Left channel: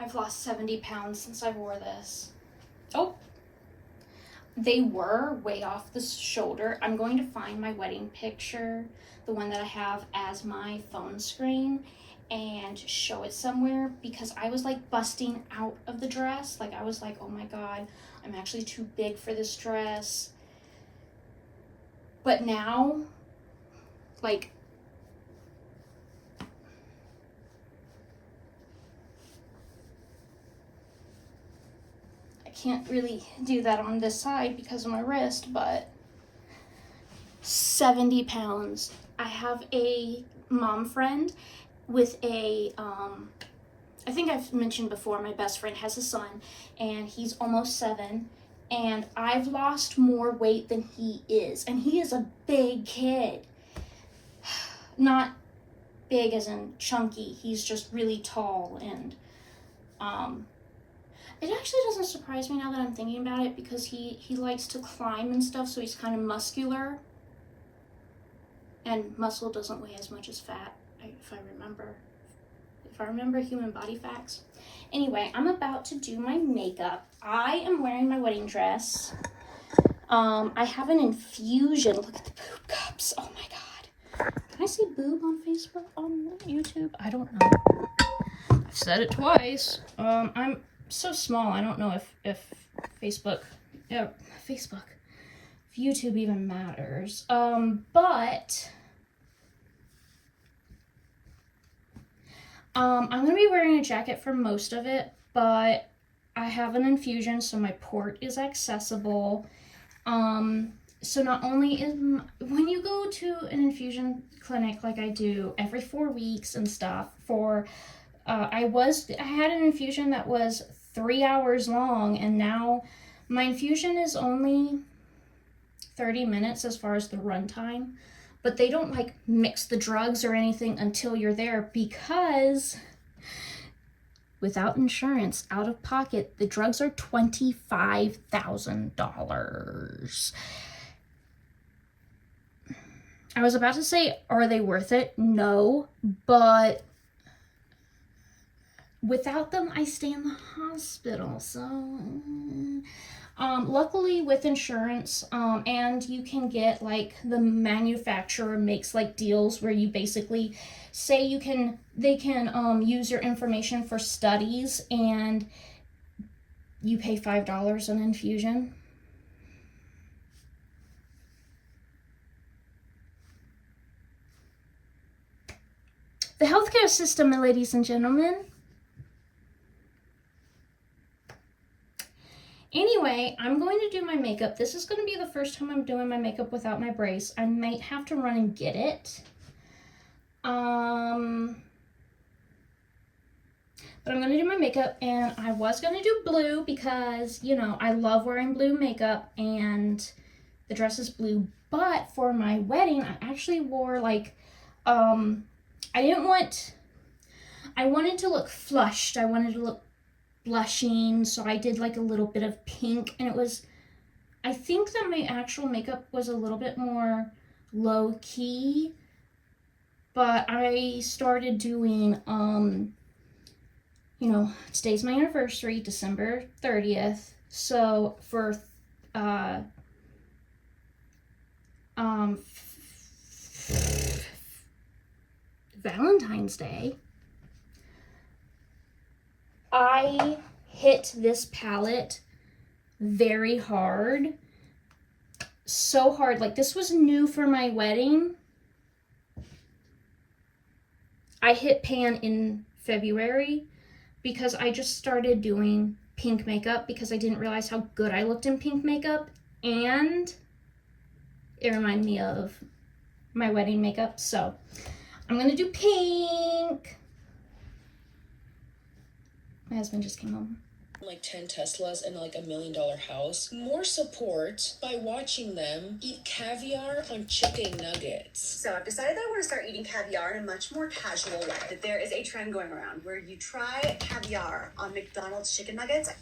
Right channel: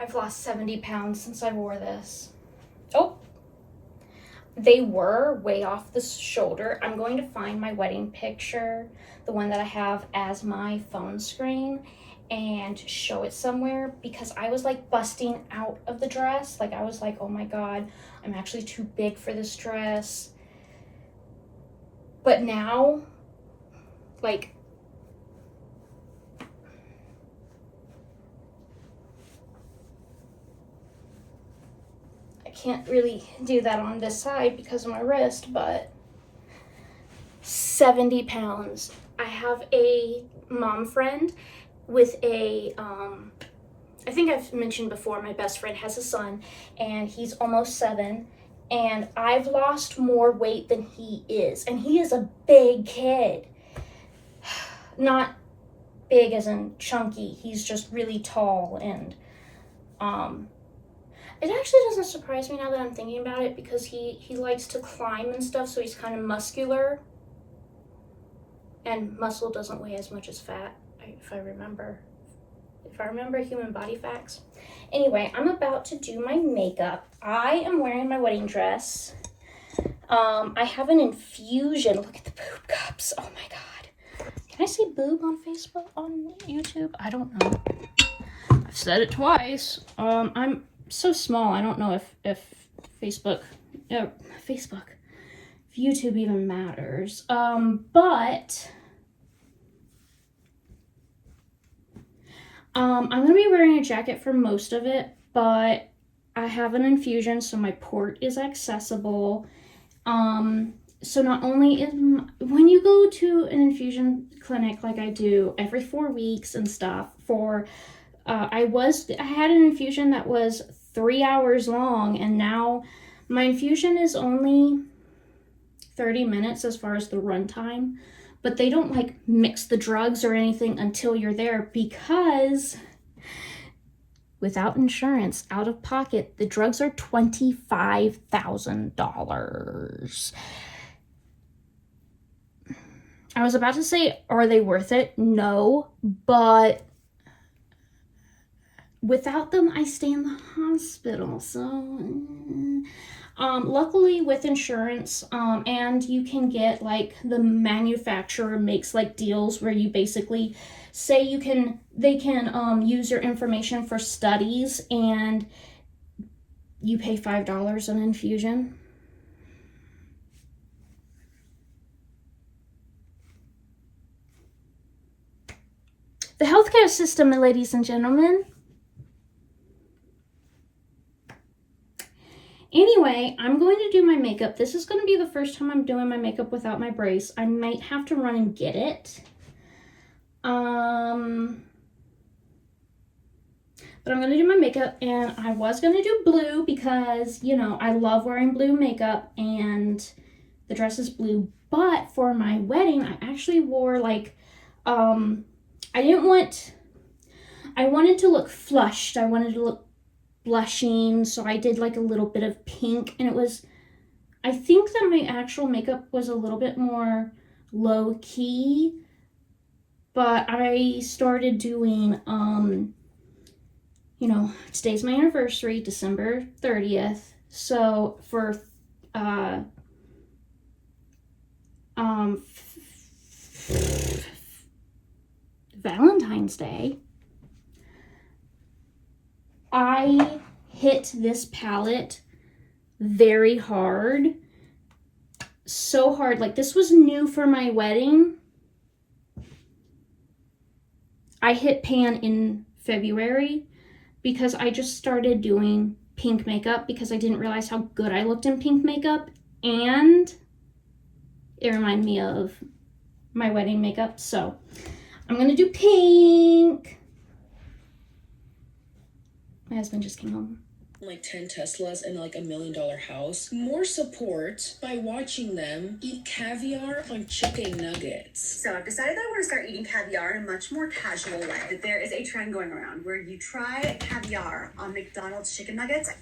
I've lost 70 pounds since I wore this. Oh, they were way off the shoulder. I'm going to find my wedding picture, the one that I have as my phone screen, and show it somewhere, because I was like busting out of the dress. Like I was like, oh my God, I'm actually too big for this dress. But now, like, I can't really do that on this side because of my wrist, but 70 pounds. I have a mom friend with a, I think I've mentioned before, my best friend has a son, and he's almost 7, and I've lost more weight than he is, and he is a big kid. Not big as in chunky, he's just really tall, and it actually doesn't surprise me now that I'm thinking about it, because he likes to climb and stuff, so he's kind of muscular. And muscle doesn't weigh as much as fat, if I remember human body facts. Anyway, I'm about to do my makeup. I am wearing my wedding dress. I have an infusion. Look at the boob cups. Oh my God. Can I say boob on Facebook, on YouTube? I don't know. I've said it twice. I'm so small. I don't know if Facebook, if YouTube even matters. But I'm gonna be wearing a jacket for most of it, but I have an infusion, so my port is accessible. So not only when you go to an infusion clinic like I do every 4 weeks and stuff, I had an infusion that was 3 hours long, and now my infusion is only 30 minutes as far as the run time, but they don't like mix the drugs or anything until you're there, because without insurance, out of pocket, the drugs are $25,000. I was about to say, are they worth it? No, but without them, I stay in the hospital. So, luckily with insurance, and you can get like the manufacturer makes like deals where you basically say they can use your information for studies, and you pay $5 an infusion. The healthcare system, ladies and gentlemen. Anyway, I'm going to do my makeup. This is going to be the first time I'm doing my makeup without my brace. I might have to run and get it. But I'm going to do my makeup, and I was going to do blue because, you know, I love wearing blue makeup, and the dress is blue. But for my wedding, I actually wore like, I wanted to look flushed. I wanted to look blushing, so I did like a little bit of pink, and I think that my actual makeup was a little bit more low key, but I started doing, you know, today's my anniversary, December 30th, so for, Valentine's Day, I hit this palette very hard. So hard. Like, this was new for my wedding. I hit pan in February because I just started doing pink makeup because I didn't realize how good I looked in pink makeup, and it reminded me of my wedding makeup. So I'm gonna do pink. My husband just came home. Like 10 Teslas and like $1 million house. More support by watching them eat caviar on chicken nuggets. So I've decided that I want to start eating caviar in a much more casual way. That there is a trend going around where you try caviar on McDonald's chicken nuggets.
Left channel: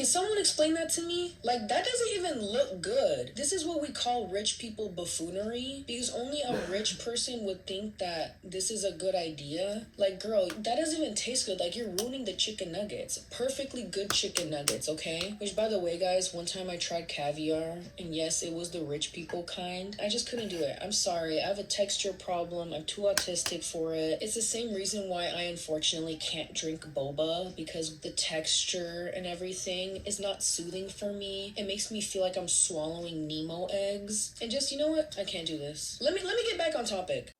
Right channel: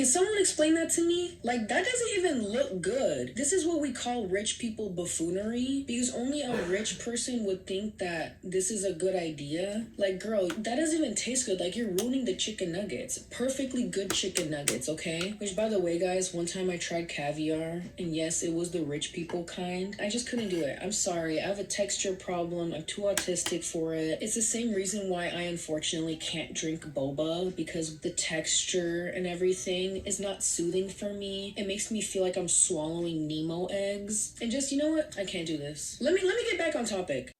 Can someone explain that to me? Like, that doesn't even look good. This is what we call rich people buffoonery, because only a rich person would think that this is a good idea. Like, girl, that doesn't even taste good. Like, you're ruining the chicken nuggets. Perfectly good chicken nuggets, okay? Which, by the way, guys, one time I tried caviar, and yes, it was the rich people kind. I just couldn't do it. I'm sorry. I have a texture problem. I'm too autistic for it. It's the same reason why I unfortunately can't drink boba, because the texture and everything is not soothing for me. It makes me feel like I'm swallowing Nemo eggs. And just, you know what? I can't do this. Let me get back on topic.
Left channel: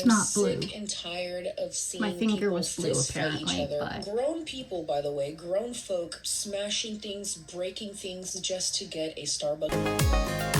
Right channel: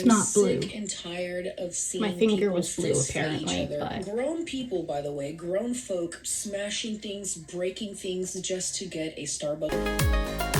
It's not blue. sick and tired of seeing My finger people was blue, fist fight apparently, each other. but Grown people, by the way, grown folk smashing things, breaking things just to get a Starbucks.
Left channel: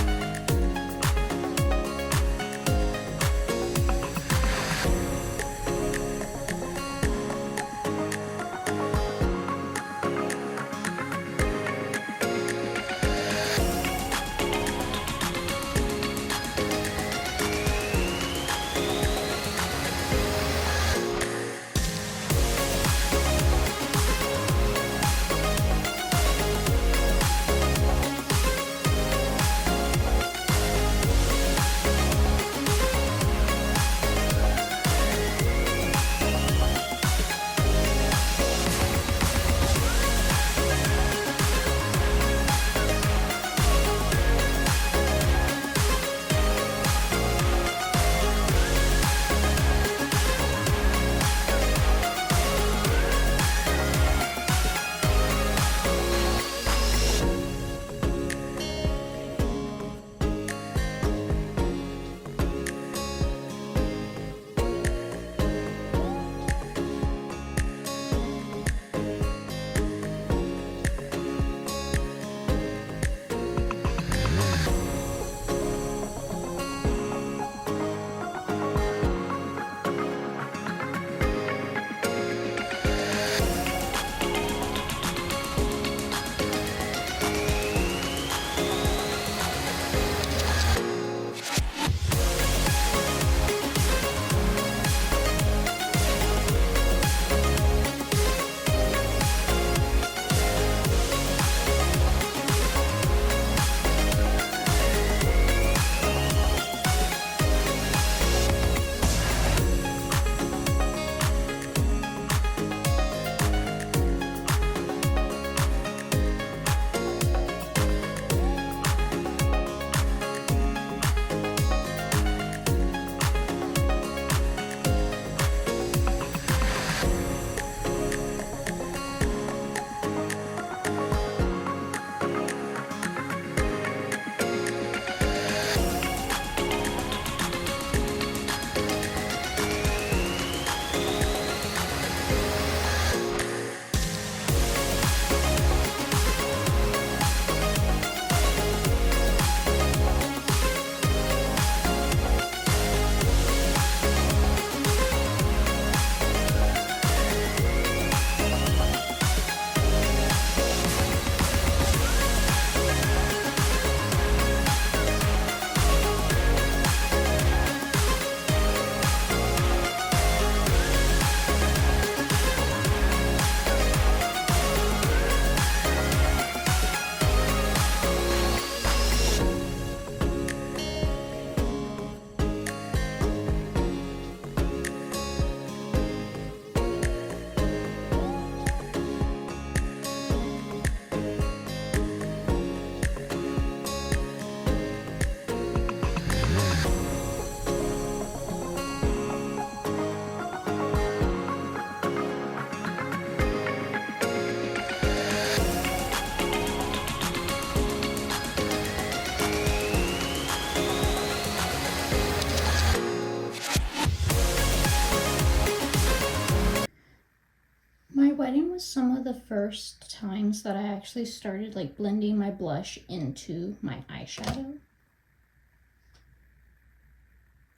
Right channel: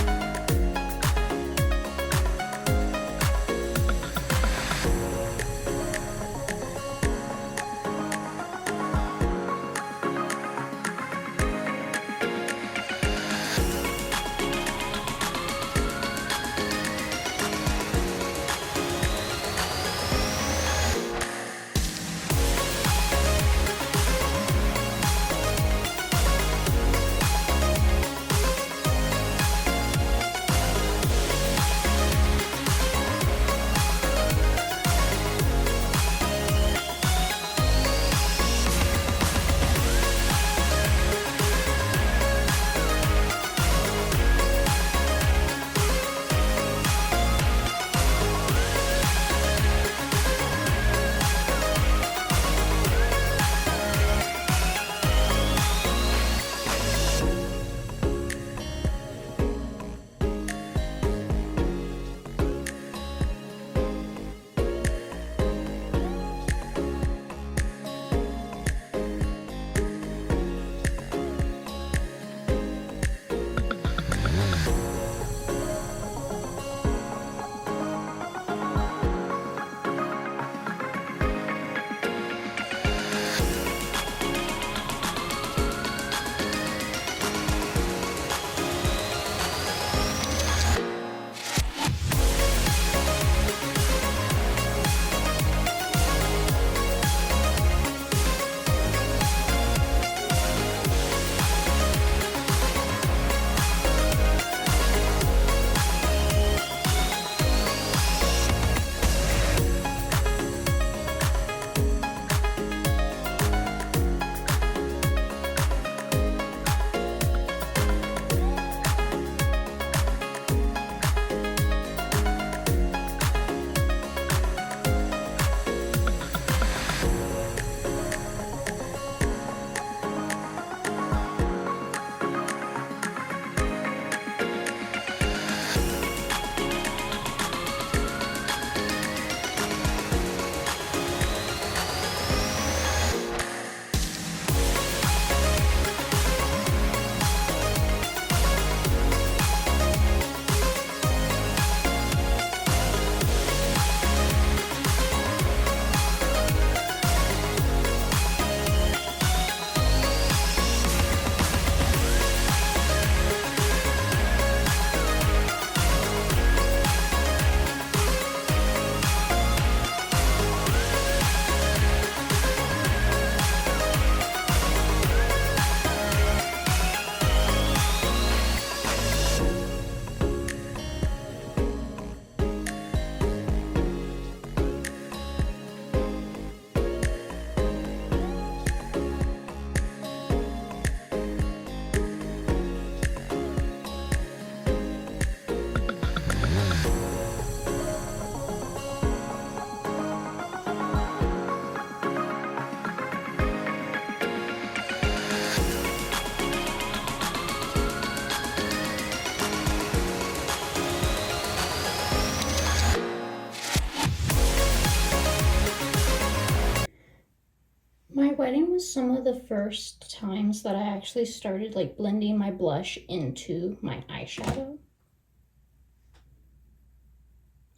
my wedding was some of the first times that I actually started like blending my blush into my eyeshadow.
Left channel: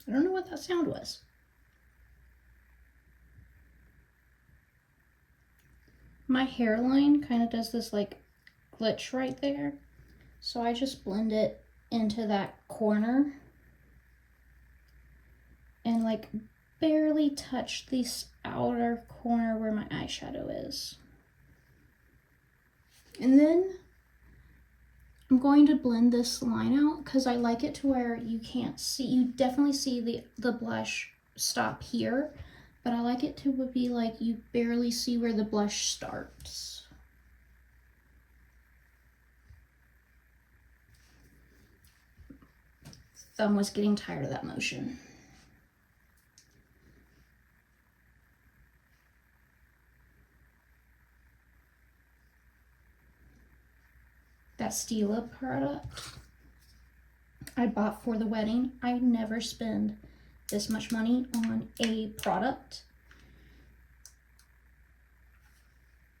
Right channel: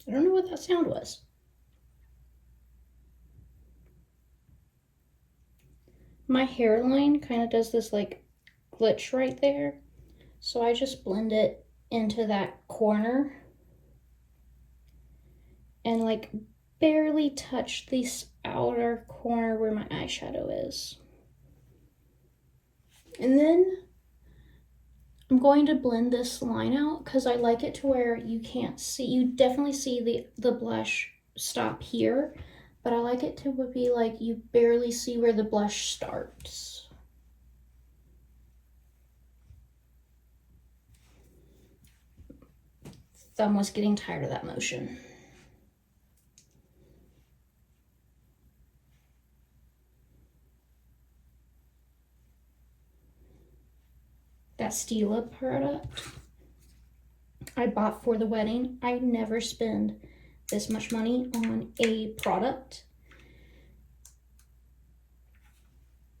I don't know what that sound was. My hairline kind of does this like glitch right there. So I just blend it into that corner and like barely touch this outer corner where my eyeshadow is. And then I'm going to blend this line out because I like it to where you can't see, you definitely see the blush stop here, but I like it to be like you barely see where the blush starts. Thumb was getting tired of that motion. That Stila product I bought for the wedding. I never spend this much money on a product.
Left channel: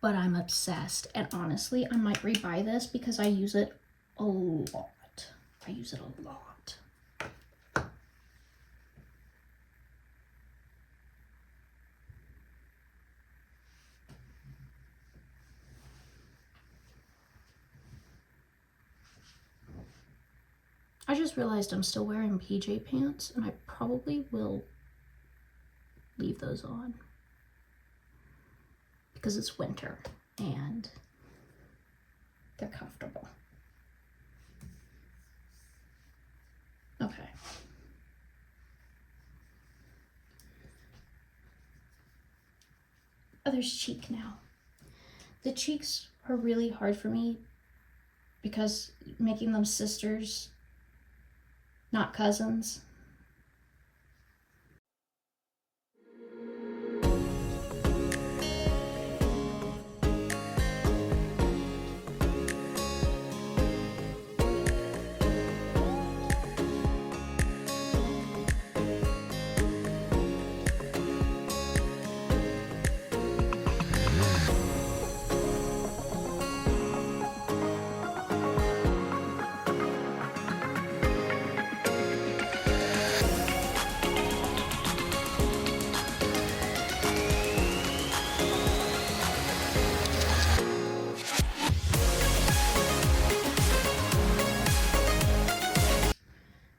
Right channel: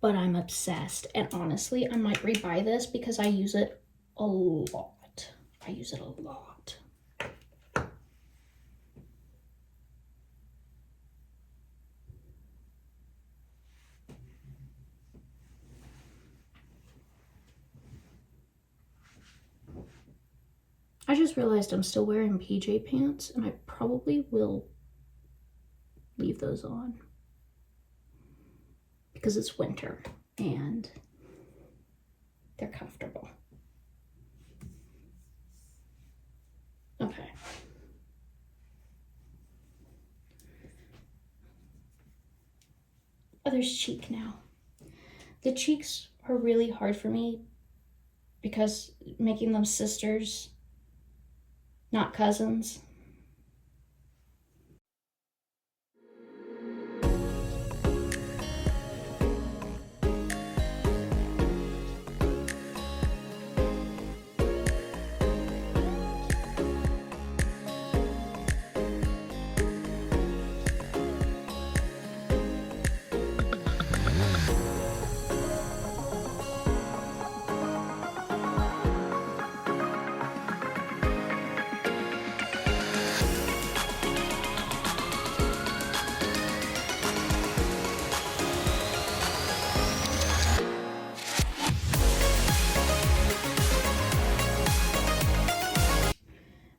But I'm obsessed, and honestly, I might rebuy this because I use it a lot. I use it a lot. I just realized I'm still wearing PJ pants, and I probably will leave those on because it's winter and they're comfortable. Okay. Oh, there's cheek now. The cheeks are really hard for me because making them sisters, not cousins.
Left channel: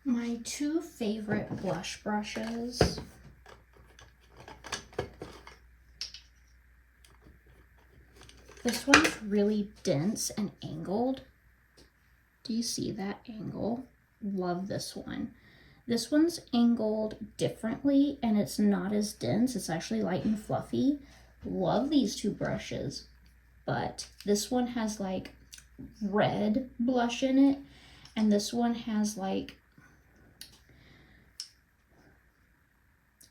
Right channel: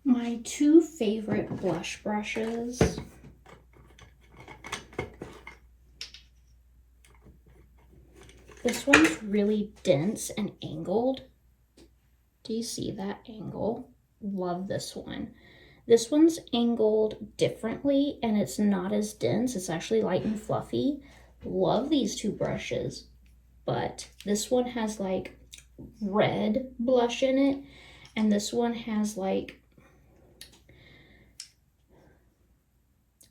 My two favorite blush brushes. This one's really dense and angled. Do you see that angle? Love this one. This one's angled differently and it's not as dense. It's actually light and fluffy. Love these two brushes. But this one has like red blush in it, and this one has like,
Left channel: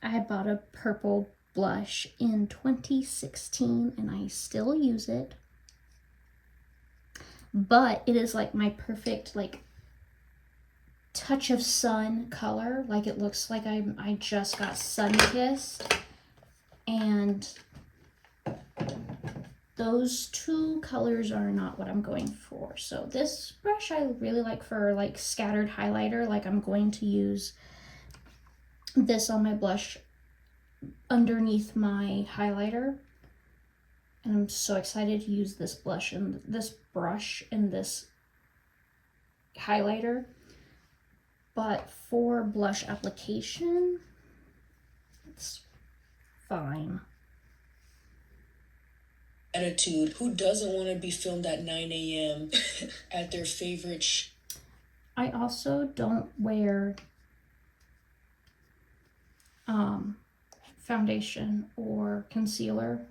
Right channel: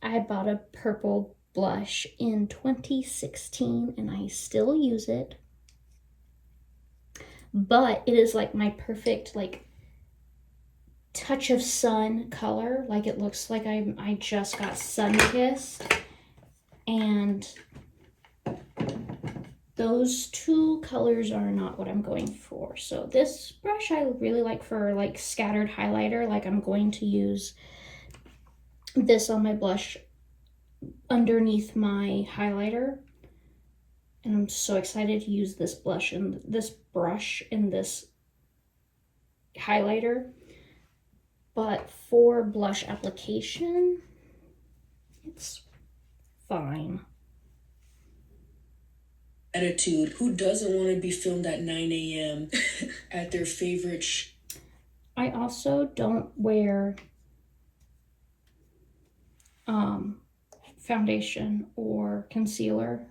I bought a purple blush in 2016 and I still use it, but it is like my perfect like touch of sun color. Like it looks like I just got sun kissed, and those two colors are not what I'm going for. So this brush I really like for like scattered highlighter. Like I'm going to use this on my blush underneath my highlighter, and I'm so excited to use this blush and this brush in this highlighter. But for blush application, it's fine. Attitude. Who doesn't want to be filmed at 9 a.m. at their favorite I also don't wear foundation or concealer.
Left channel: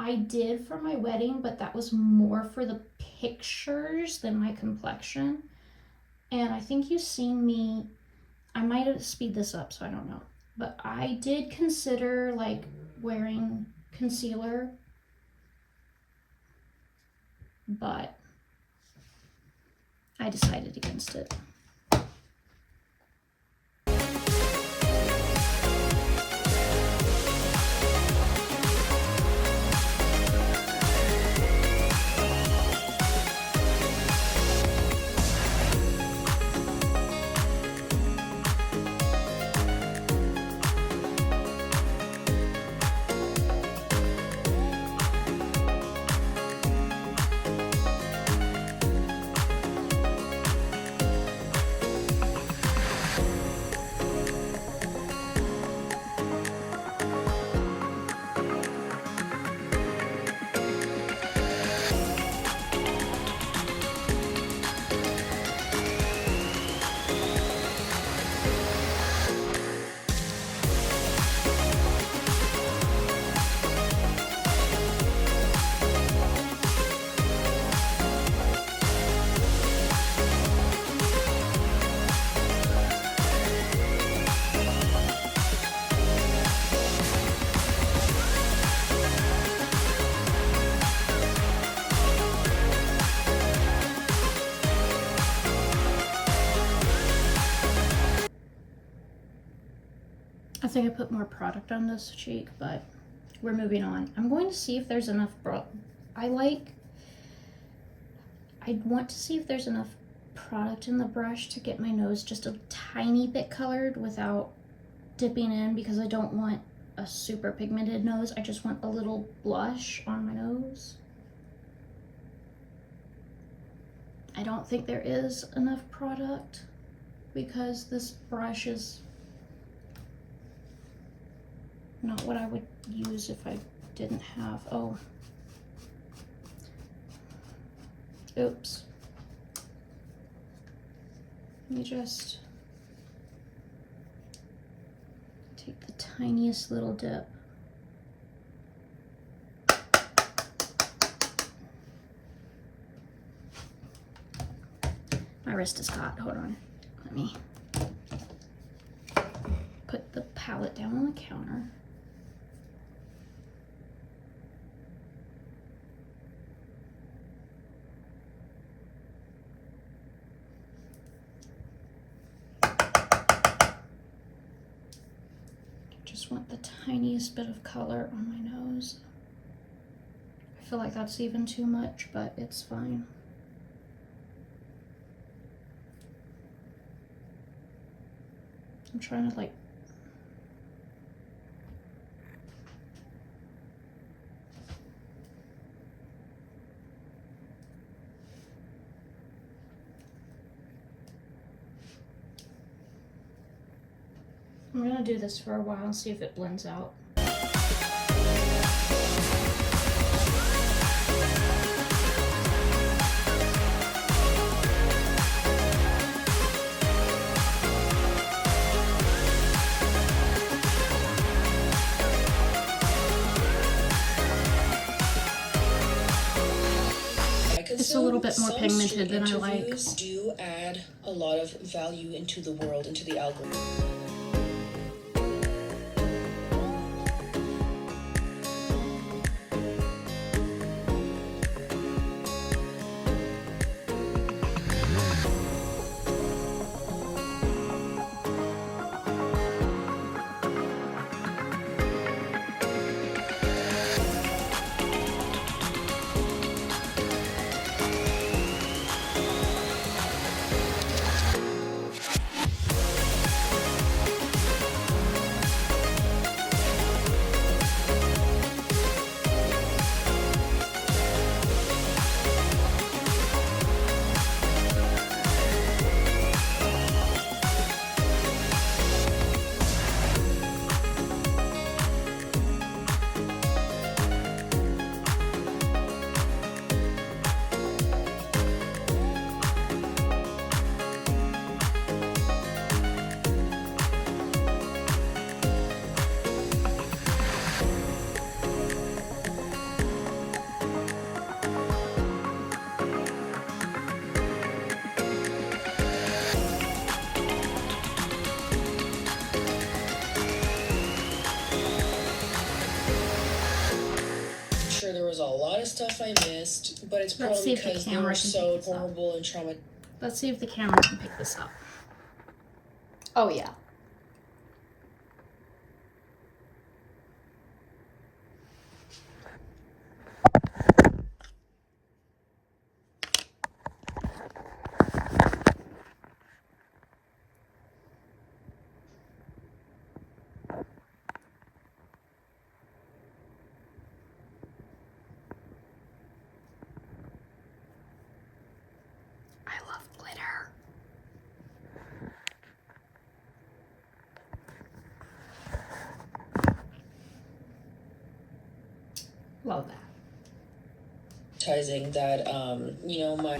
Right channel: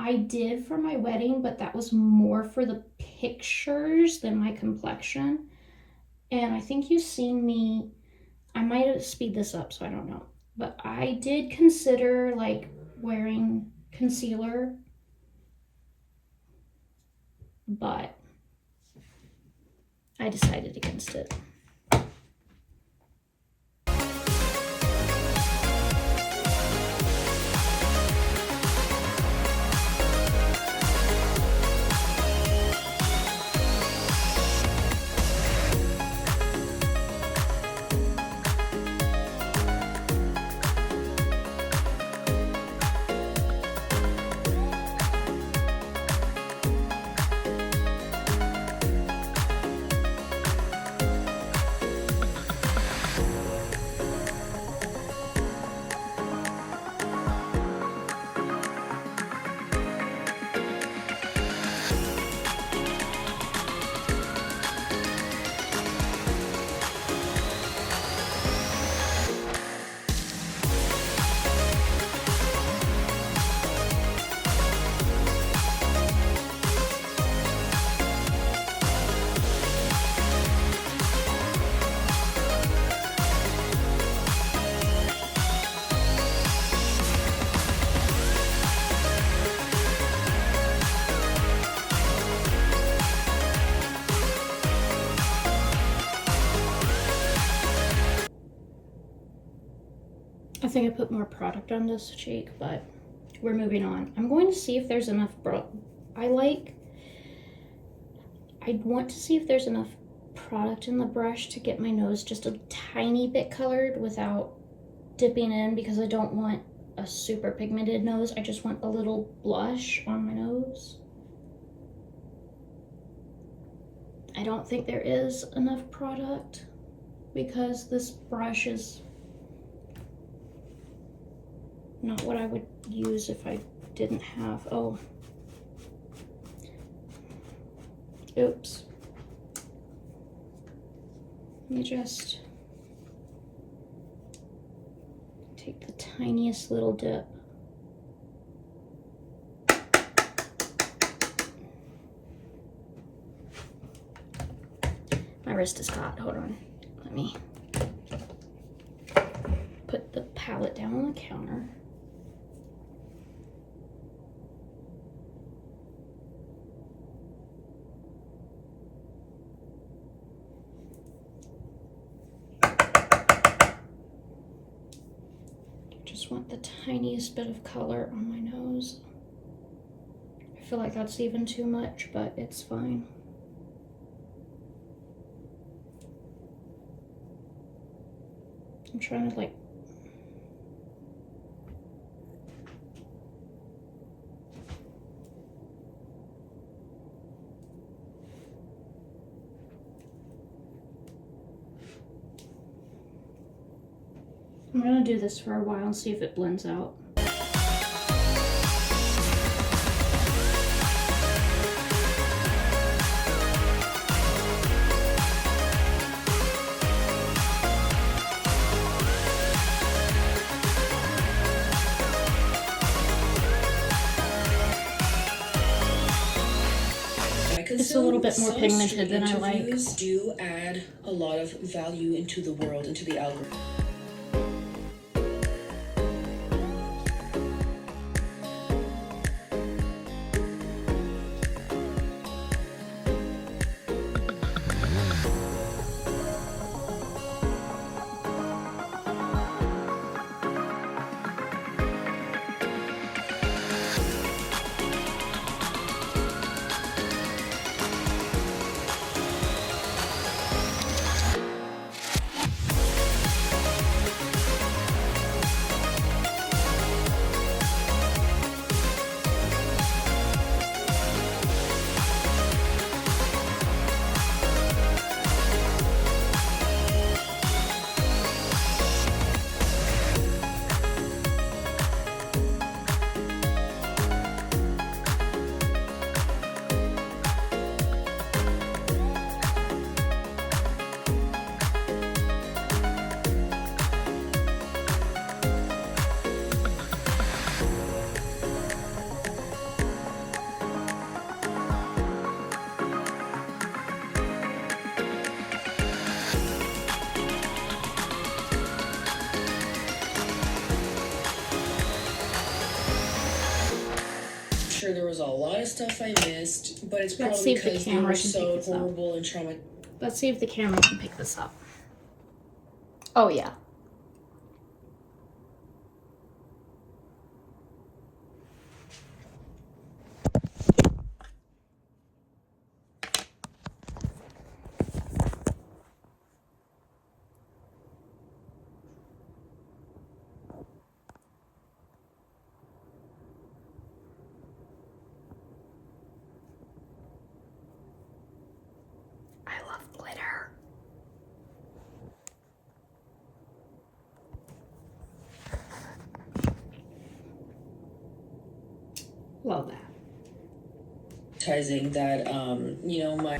I did for my wedding, but that was more for the pictures than my complexion. And I think you've seen me, I might have speed this up, so I don't know, but I did consider like wearing concealer, but I decided against it. I think I put more product on this cheek, but we're moving on. I'm going to see if there's enough I want to see if there's enough product in the brush to get my nose just a tiny bit colored without dipping in, because I don't want a super pigmented nose. I just want a little blush on my nose. I don't think there is enough product because this brush is not what I would use if I didn't have, oh, oops. Let me just take the tiniest little dip. My wrist is caught. Hold on. Let me put the palette down on the counter. Just want the tiniest bit of color on my nose. I feel like that's even too much, but it's fine. I'm trying to like I'm gonna do this for a while and see if it blends out. It's a little bit more pigmented than I like. Interviews do add a lot of value into the world, into the algorithm. Stuff I missed, but it's probably Let's see if the because camera they were can so pick this up. horrible and traumatizing. Let's see if the camera can pick this up. Oh yeah. I love glitter. Love that. That, you know, my.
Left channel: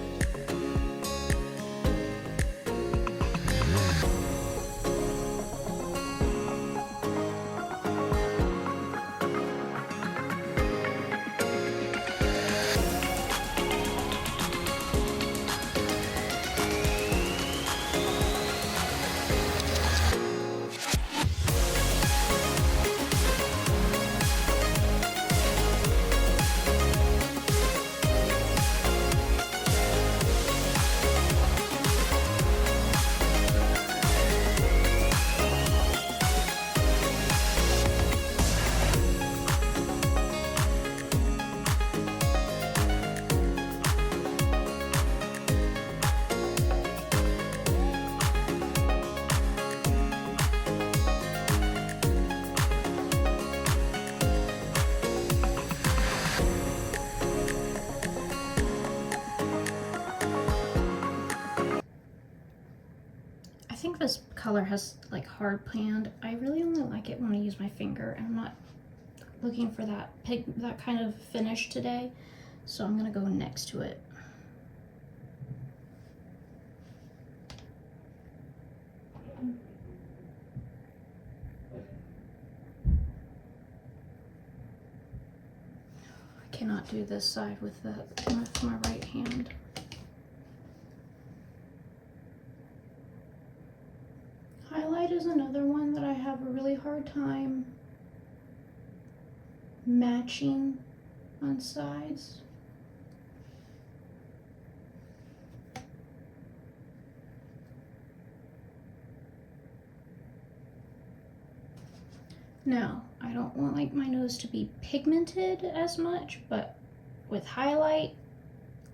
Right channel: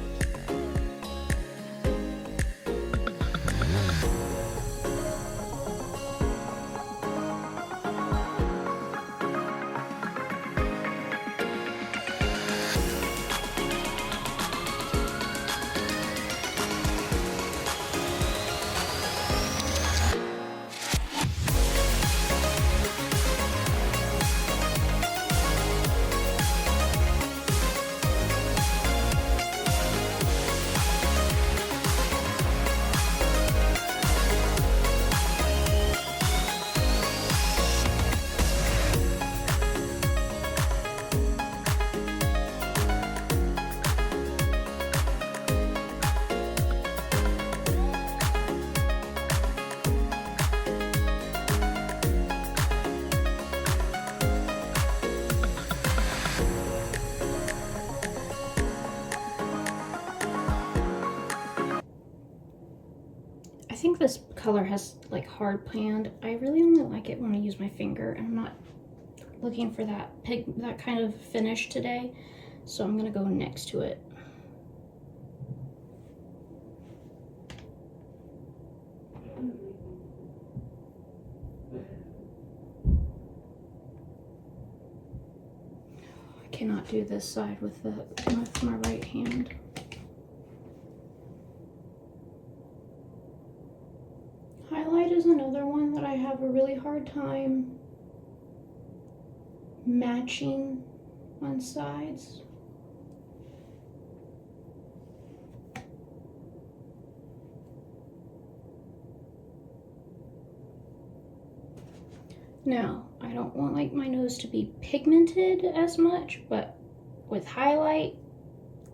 this color has like hard pan. I really only like it when I use my finger. I'm not looking for that kind of finish today, so I'm gonna go next to it. I cannot do this side with my right hand. Highlight is another one that I have a really hard time matching on sides. Now, I don't want like my nose to be pigmented as much, but with highlight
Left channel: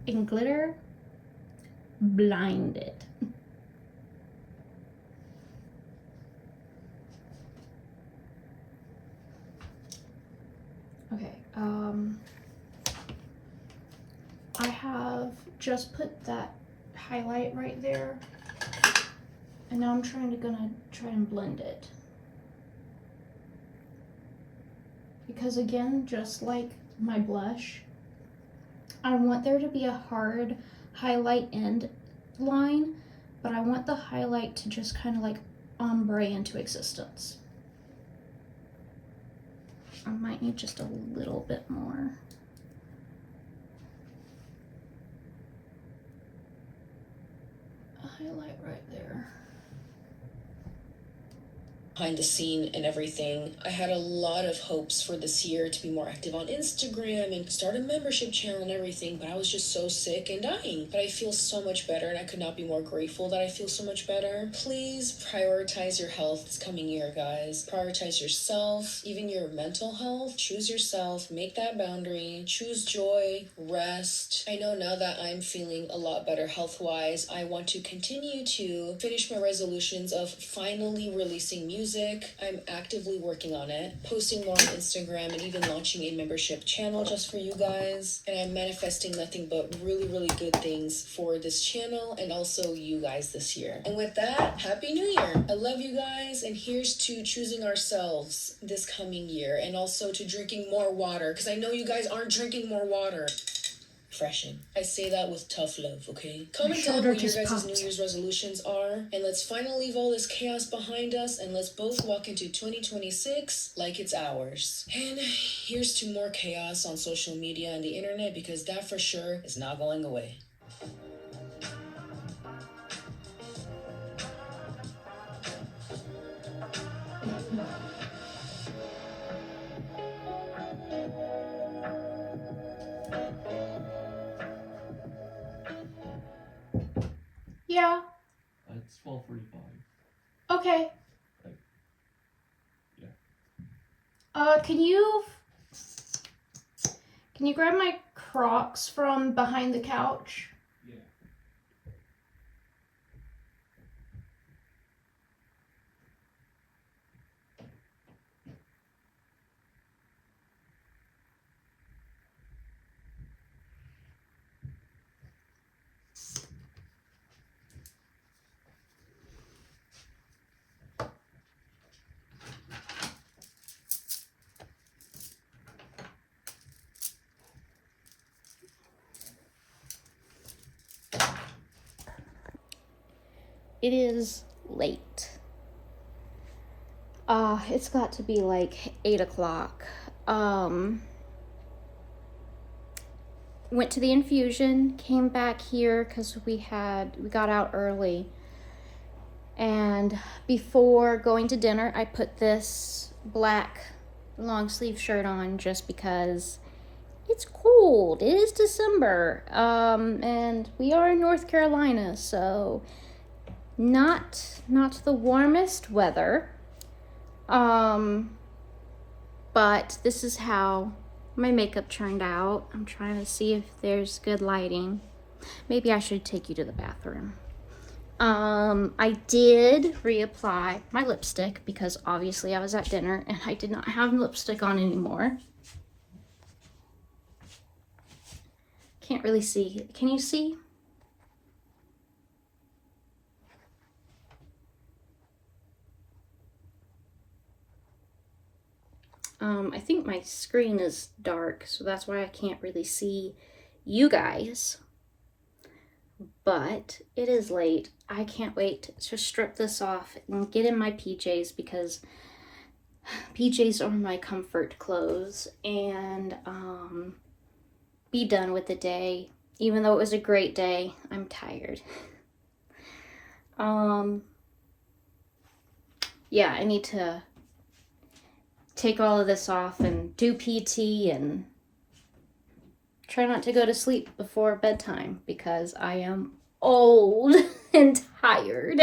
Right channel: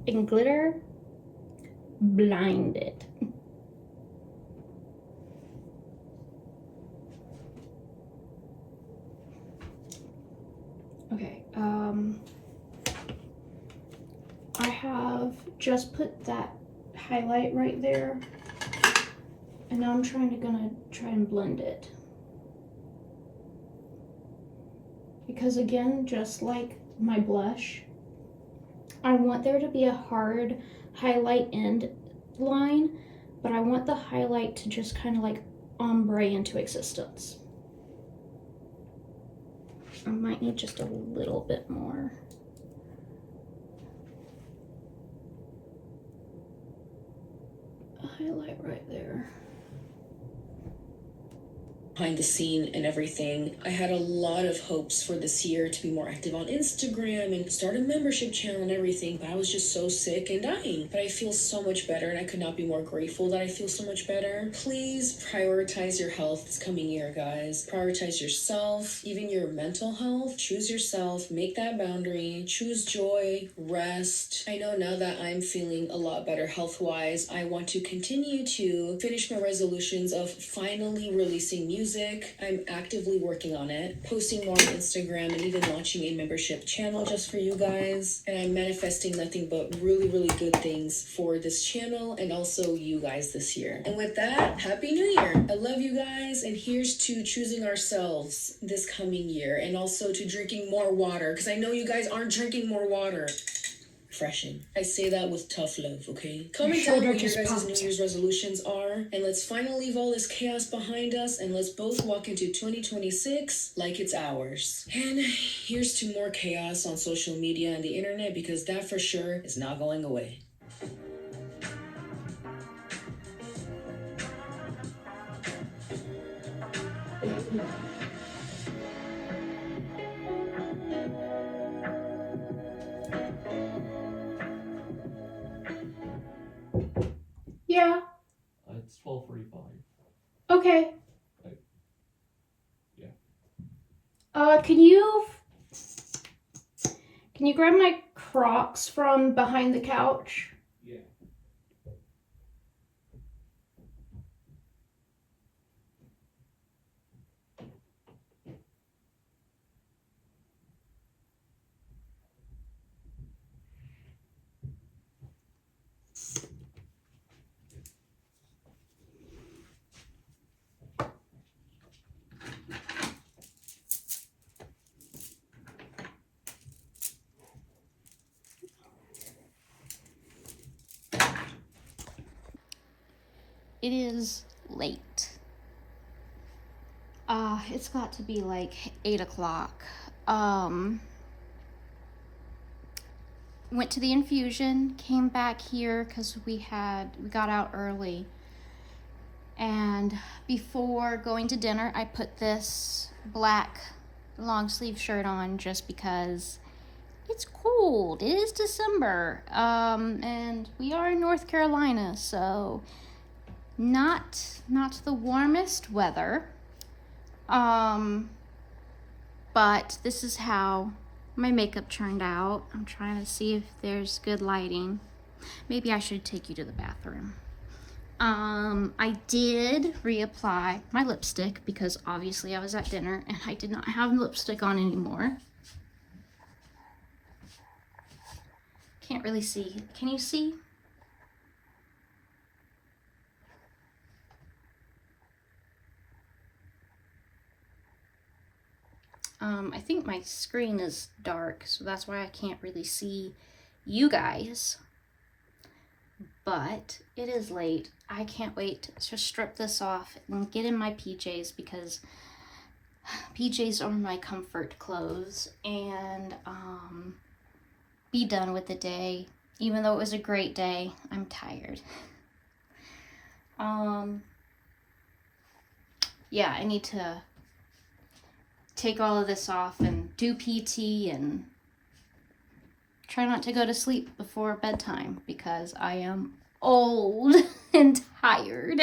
and glitter, blinded. Okay, I have just put that highlight right there, and now I'm gonna try and blend it. Because again, just like my blush, I want there to be a hard highlight end line, but I want the highlight to just kind of like ombre into existence. I might need just a little bit more. A highlight right there. Behind the scene and everything, I had a lot of hopes for this year to be more active on Instagram and start a membership channel and everything, but I was just so sick and dying. But I feel so much better, and I could not be more grateful that I feel so much better. Please prioritize your health this coming year, guys. Prioritize yourself, even your mental health. Choose yourself, make that boundary, choose joy, rest. I know now that I'm feeling a lot better health-wise, I want to continue to finish my resolutions of finally releasing music. I'm actively working on it, posting more on Instagram, and even launching a membership channel just for you guys. And I'm manifesting nothing but really, really good things for this channel and also you guys this year. And with that, Happy New Year! I love you guys, and here's to choosing ourselves this coming year, and also to drinking more water, because I know you guys aren't drinking more water. Freshen. I say that with tough love, okay? Comment down what your guys' New Year's resolutions are, and let's finally leave all this chaos behind us, and let's both walk into 2026 like it's ours. And here's to more chaos on social media and the internet, because that for sure is not going away. Yeah. It's 12:45. Okay. Yeah. Can you grab my Crocs from behind the couch? Yeah. It is late. It's got to be like 8 o'clock. Went to the infusion, came back here because we got out early. And before going to dinner, I put this black long sleeve shirt on just because it's cold. It is December. And we are in North Carolina, so not the warmest weather. But this is how my makeup turned out. I'm trying to see if there's good lighting. Maybe I should take you to the bathroom. I did reapply my lipstick because obviously I was at dinner and I did not have lipstick on anymore. Can't really see. Can you see? I think my screen is dark, so that's why I can't really see you guys. But it is late. I can't wait to strip this off and get in my PJs, because PJs are my comfort clothes, and be done with the day. Even though it was a great day, I'm tired. Yeah, I need to take all of this off and do PT and try not to go to sleep before bedtime, because I am old and tired.